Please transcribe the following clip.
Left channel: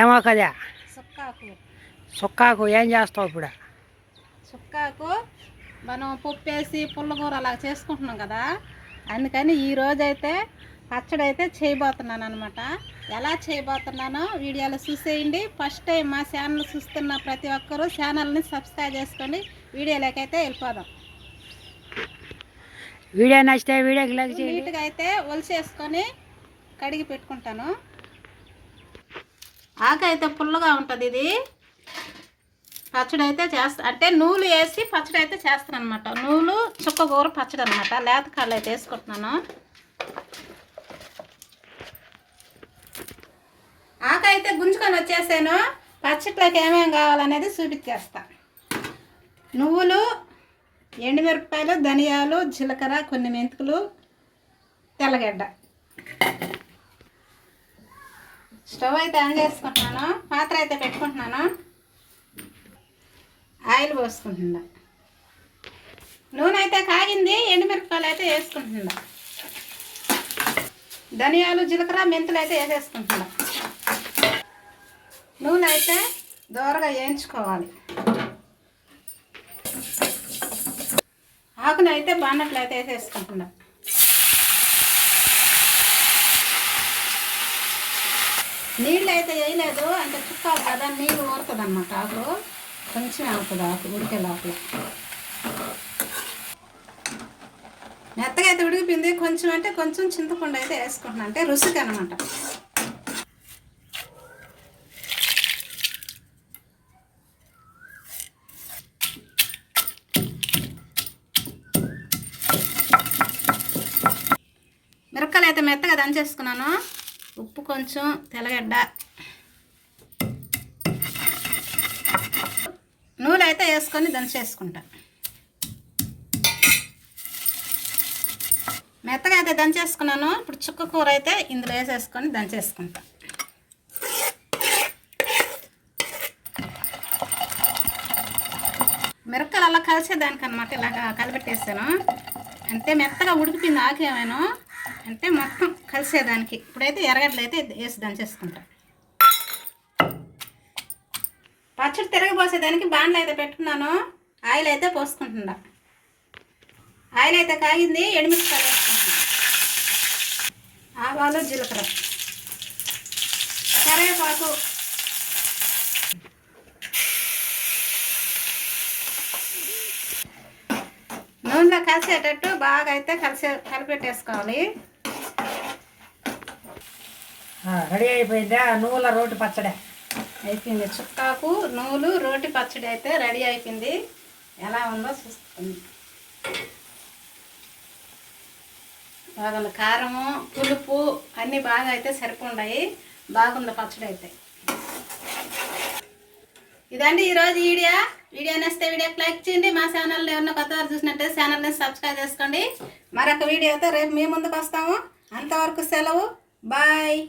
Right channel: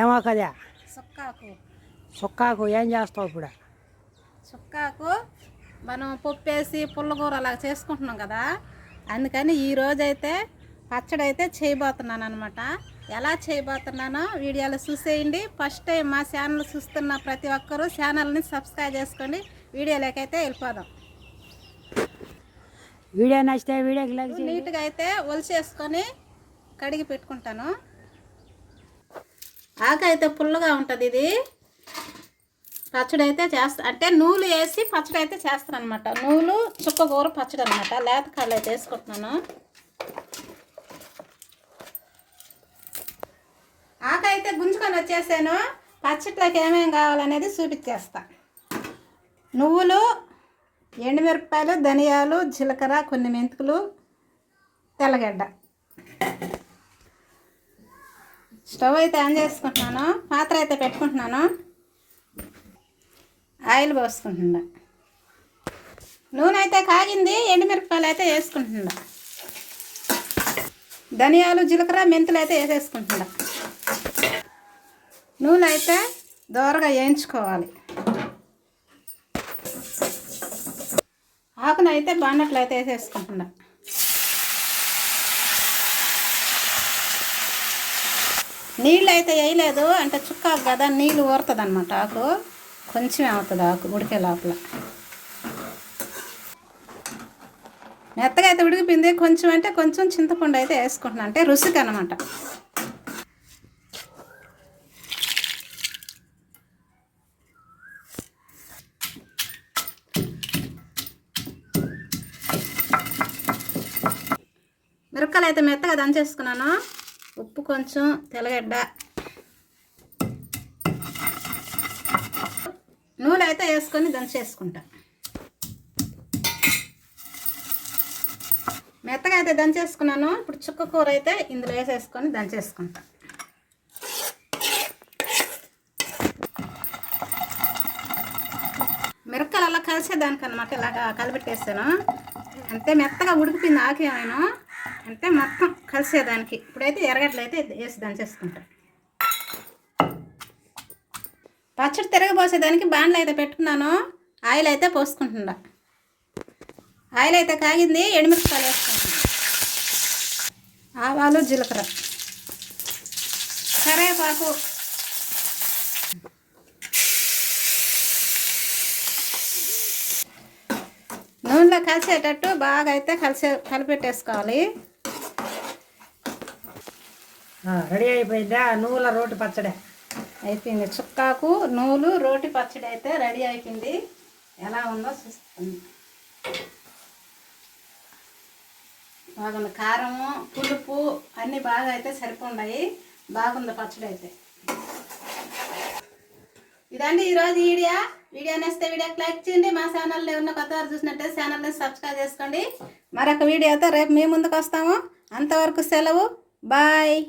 ఏమో కదా? సుక్కాకు. సుక్కాకు ఏం చేస్తావు ఇప్పుడు? చుక్కాకు మనం పప్పు వేసి పుల్లకూర అలా చేసుకుంటున్నాం కదా? అందుకని ఈ రోజైతే పచ్చడి అయితే చేయబోతున్నాను అనమాట ఎలా చేయబోతున్నానో వీడియోలో చూసేయండి. ఫస్ట్ టైం మా ఛానల్ చూస్తున్న ప్రతి ఒక్కరూ ఛానల్ని సబ్స్క్రైబ్ చేసుకోండి. వీడియోలోకైతే వెళ్ళిపోదాం. వీడియో నచ్చితే వీడియోకి నీట్గా అయితే ఒలిసేసుకొని కడిగి పెట్టుకుంటాను. ఆకు అయితే పుల్లగా ఉంటుంది ఇది. పచ్చడి అయితే చేస్తా అంటే నూలు వేసి పచ్చడి అయితే చేస్తాను అనమాట నూలు చుక్క కూర పచ్చడి అనమాట లేత కాళ్ళు అయితే వేసుకుంటున్నాను. ఆకు అయితే గుంజుకొని వచ్చేసాను. పచ్చట్లోకి ఏమేమి కావాలనేది చూపించేస్తా. నువ్వులు ఎండుమిరపకాయలు ధనియాలు జీలకర్ర కొన్ని మెంతుకులు తెల్లగడ్డ. స్టవ్ అయితే ఆన్ చేసుకుంటున్నాను పాత్ర అయితే పెట్టుకుంటున్నాను. ఆయిల్ పోసుకుంటున్నా. నూనె అయితే కాగింది ఎండుమిరపకాయలు అయితే వేసుకుంటున్నా. ధనియాలు జీలకర్ర మెంతులు అయితే వేసేసుకుంటున్నా. నూనె అయితే దోరగా వేయించుకోవాలి. ఆకును అయితే బాన్నట్లు అయితే వేసేసుకుంటున్నా. నీళ్ళు అయితే వేయలేదు అంటే చుక్కాలు కదా నీళ్ళు ఊరుతుంది అనమాట ఆకు. కొంచెం అవుతుంది ఆకు ఉడికే లోపల. మెత్తగా అయితే ఉడికిపోయింది కొంచెం అంటే కొంచెం చింతపండు అయితే వేసుకుంటున్నాను అంటే రుచికి అనమాట మిరపకాయలు అయితే మెత్తగా దంచేసుకున్నాను. ఉప్పు కొంచెం తెల్లగడ్డ. నూనె అయితే వేసుకొని దంచేసుకుంటా. మెత్తగా అయితే దంచేసుకున్నాను. ఇప్పుడు చుక్క కూర అయితే ఇందులో వేసేసుకొని దంచేసుకుంటా. మిరపకాయలు అలా కలిసేదానికనమాట ఇలాగా కలిపెట్టేస్తాను. అంతే మెత్తగా ఉడికిపోయింది ఆకేమేను అంతే మొత్తం. కలిసేదానికి. ఇప్పుడైతే ఎర్రగడ్డలు అయితే వేసి దంచేసుకుంటా. పచ్చడి తిరగబోసేదానికి బాండ్లు అయితే పెట్టుకున్నాను. ఆయిల్ అయితే పోసుకుంటున్నా. ఆయిల్ అయితే కాగింది ఎండుమిరపకాయలు వేసుకుంటున్నా. ఆవాలు జీలకర్ర. కరేపాకు నూనెలో కలిసేటట్టు బాగా అయితే కలిసే కలిపెట్టేసుకోవాలి. రెడీ అయిపోయిందా? నువ్వుల రోటి పచ్చడి. అయిపోయింది. చుక్కాకు నూలు రోటి పచ్చడి అయితే రెడీ అయిపోయింది. ఎలా ఉందో చూస్తుంది బాగుంది. కారము పులుపు అన్నీ బాగా అయితే సరిపోండాయి. బాగుంది పచ్చడి అయితే. ఇదండి ఈరోజు వీడియో. వీడియో నచ్చితే వీడియోకి లైక్ చేయండి. మా ఛానల్ ఏమన్నా కొత్త వారు చూసినట్టే ఛానల్ని సబ్స్క్రైబ్ చేసుకోండి. మరొక వీడియోతో రేపు మీ ముందుకు వస్తాము. అంతవరకు సెలవు. Bye.